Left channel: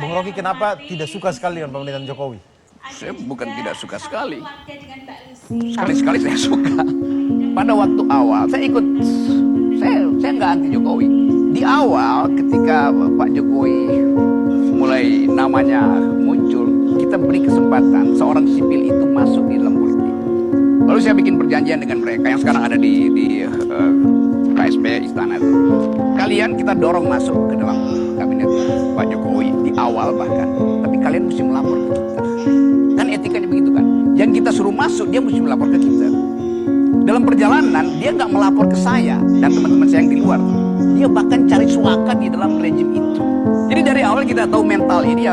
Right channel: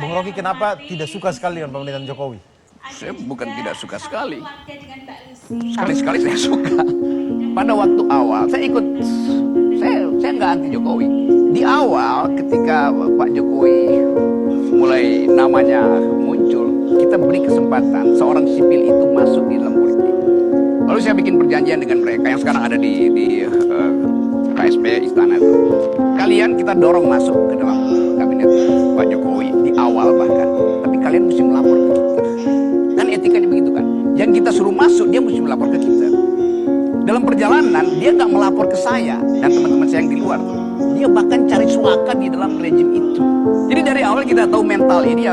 Bung Rocky kenapa tidak suka sekali dengan pemerintahan Jokowi? Saya bukan tidak suka sekali. Sekali-sekali saya suka. Pada waktu awal saya ikut, saya nggak anti Jokowi. Di awal ketika Pak Jokowi mulai namanya muncul, kita beri kesempatan seorang sipil itu masuk di dalam politik. Lalu saya bikin perjanjian dengan mereka yang sekarang ada di KSP Istana itu. Kalian kita dorong masuk ke dalam kabinet Pak Jokowi di awal bahkan. Tapi kalian mesti melapor ke kita. Kan etikanya begitu kan. Yang kita suruh masuk dia mesti melapor ke kita. Dalam perjalanan dia nggak melapor ke saya dan teman-teman saya yang di luar. Dia bahkan cari suaka di dalam rejim itu. Jadi dari awal kita tahu mental ini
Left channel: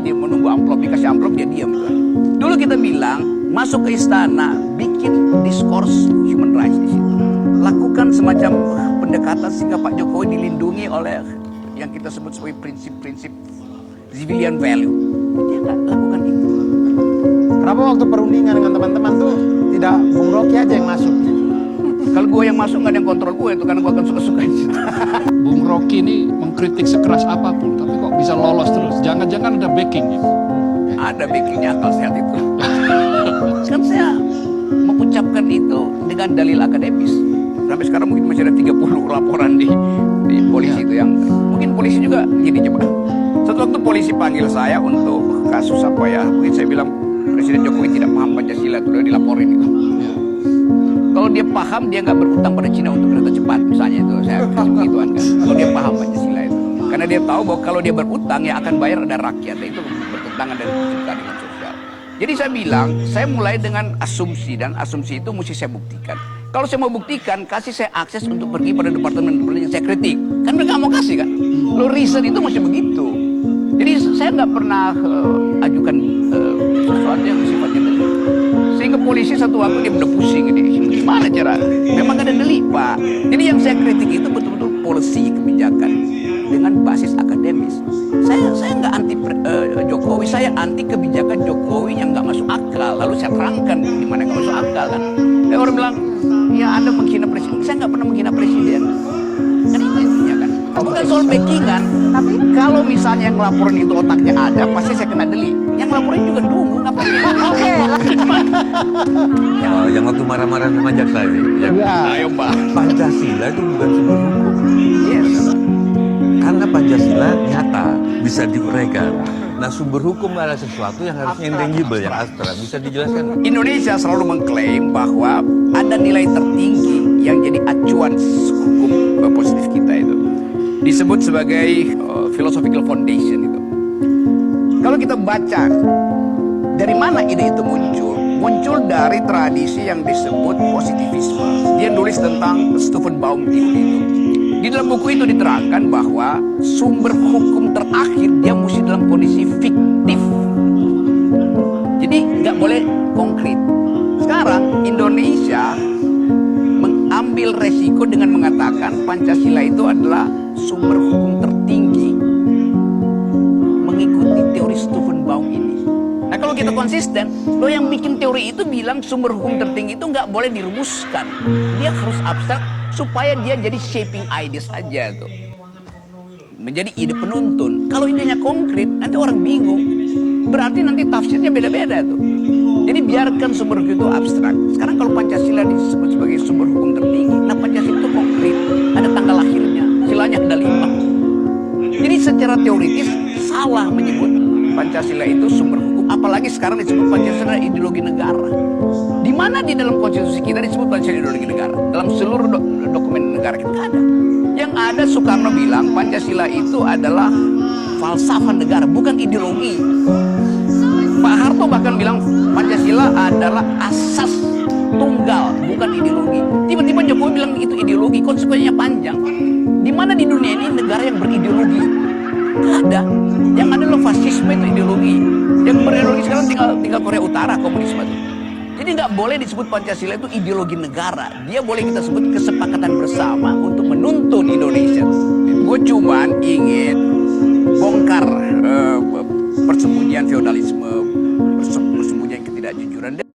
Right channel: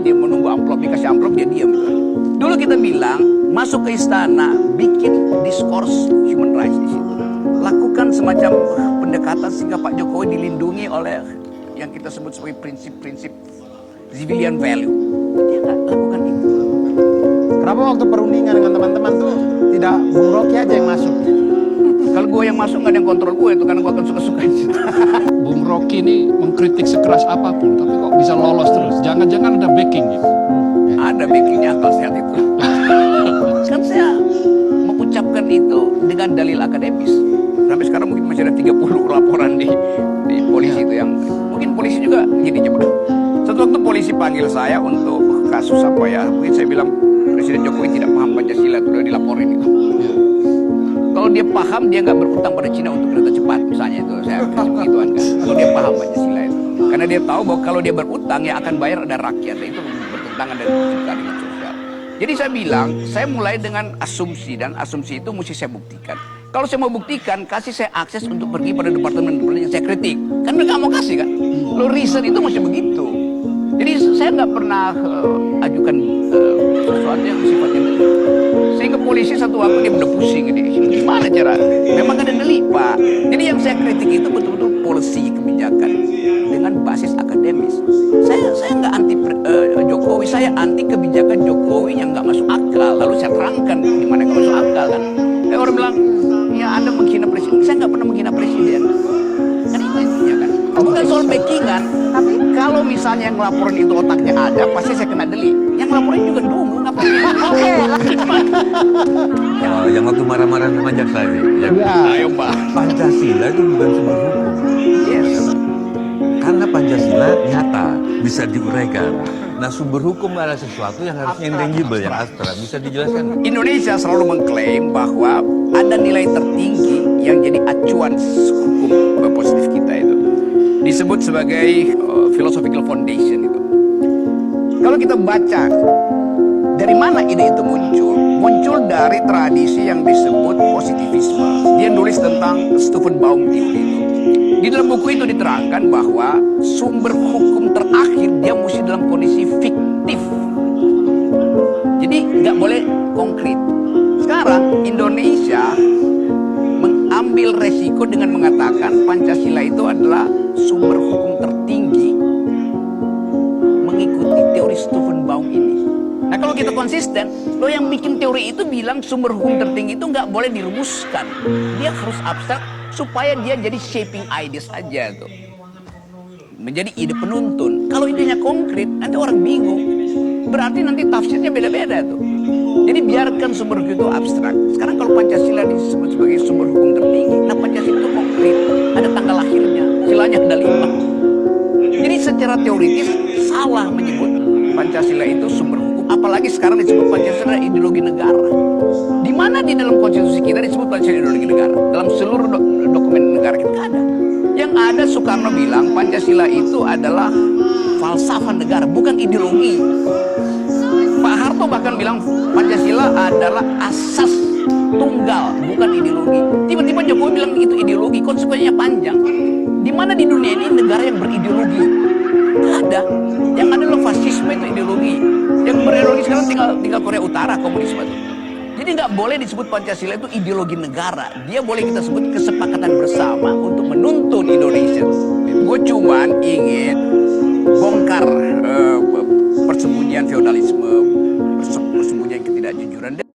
dia menunggu amplop, dikasih amplop dia diam gitu. Dulu kita bilang masuk ke istana bikin diskurs human rights di situ. Lakukan semacam pendekatan sehingga Pak Jokowi dilindungi oleh yang kita sebut sebagai prinsip-prinsip civilian value. Dia nggak lakukan itu. Kenapa waktu perundingan dengan teman-teman tuh tidak Bung Rocky aja yang masuk? Kalau gue yang masuk nggak ada yang kontrol gue itu karena gue akan suka-suka. Bung Rocky ini mengkritik sekeras apapun, tapi kok bisa lolos terus? Jangan-jangan ada backingnya? Ada backingnya akal sehat itu. Kan saya mengucapkan itu dengan dalil akademis. Sampai sekarang mungkin masih ada 30 laporan di polisi itu yang mungkin polisi juga gini coba. Satu waktu polisi panggil saya untuk kasus apa ya? Mungkin saya bilang Presiden Jokowi tidak paham Pancasila itu, udah dilaporin itu. Kalau dia paham dia nggak berutang pada Cina untuk kereta cepat misalnya itu saya kasih begituan kan. Kalau dia paham Pancasila itu, karena dia tahu bahwa kalau dia berutang ya akan bayar ada rakyat itu bertentangan dengan prinsip keadilan sosial. Jadi saya bilang saya mulai dengan asumsi dan asumsi itu mesti saya buktikan. Kalau saya mau buktikan, kasih saya akses untuk pergi pada departemen yang saya kritik. Kan mereka mau kasih kan. Lo riset itu mesti begitu. Jadi saya nggak pernah ajukan sesuatu yang sifatnya delik. Sehingga polisi satu waktu dia udah pusing ini. Gimana cara? Memang ada delik Pak. Jadi yang saya kritik itu betul-betul policy kebijakan dengan basis akademis. Saya nggak anti Jokowi, saya anti kebijakan Jokowi yang nggak masuk akal. Lalu saya terangkan di mana nggak masuk akal kan. Orang bilang, ya Anda menghina presiden. Saya nggak pernah menghina presiden. Kan itu intinya kan. Bukan soal backingan. Tapi kalau misalnya yang laporan itu otaknya ada, pasti saya kena delik. Yang laporan juga dungu, ngapain? Oke. Yang waktu marah-marah sama jaksa ini. Ayo Mbak. Pancasila itu bukan sumber hukum. Yes. Karena Pancasila nyata, bisa diuraikan. Nah sumber hukum adalah sesuatu yang harusnya intangible, yang abstrak. Bisa dijelaskan? Indonesia selalu mengklaim bahwa ada nilai tertinggi yang jadi acuan hukum positif kita itu. Disebut sebagai philosophical foundation itu. Kalau kita baca dari mana ide itu muncul? Muncul dari tradisi yang disebut positivisme. Dia nulis tentang Stephen Baum teori itu. Di dalam buku itu diterangkan bahwa sumber hukum terakhir dia mesti dalam kondisi fiktif. Jadi nggak boleh konkret. Sekarang Indonesia mengambil resiko dengan mengatakan Pancasila itu adalah sumber hukum tertinggi mengikuti teori Stephen Baum ini. Nah kalau kita konsisten, lo yang bikin teori itu bilang sumber hukum tertinggi itu nggak boleh dirumuskan. Dia harus abstrak supaya dia jadi shaping ideas aja tuh. Menjadi ide penuntun. Kalau idenya konkret, nanti orang bingung. Berarti nanti tafsirnya beda-beda tuh. Jadi biarkan sumber hukum itu abstrak. Sekarang kalau Pancasila disebut sebagai sumber hukum tertinggi, nah Pancasila itu konkret. Ada tanggal lahirnya, silanya ada 5. Jadi secara teoritis salah menyebut Pancasila itu sumber hukum. Apalagi sekarang disebut Pancasila ideologi negara. Di mana di dalam konstitusi kita disebut Pancasila ideologi negara? Dalam seluruh dokumen negara kita ada. Yang ada Soekarno bilang Pancasila itu adalah falsafah negara, bukan ideologi. Pak Harto bahkan bilang Pancasila adalah asas tunggal, bukan ideologi. Tiba-tiba Jokowi bilang itu ideologi, konsekuensinya panjang. Di mana di dunia ini negara yang berideologi? Nggak ada. Yang ada adalah fasisme itu ideologi. Yang berideologi sekarang tinggal Korea Utara, komunisme itu. Jadi nggak boleh disebut Pancasila itu ideologi negara. Dia boleh kita sebut kesepakatan bersama untuk menuntun Indonesia. Gue cuman ingin bongkar persembunyian feodalisme,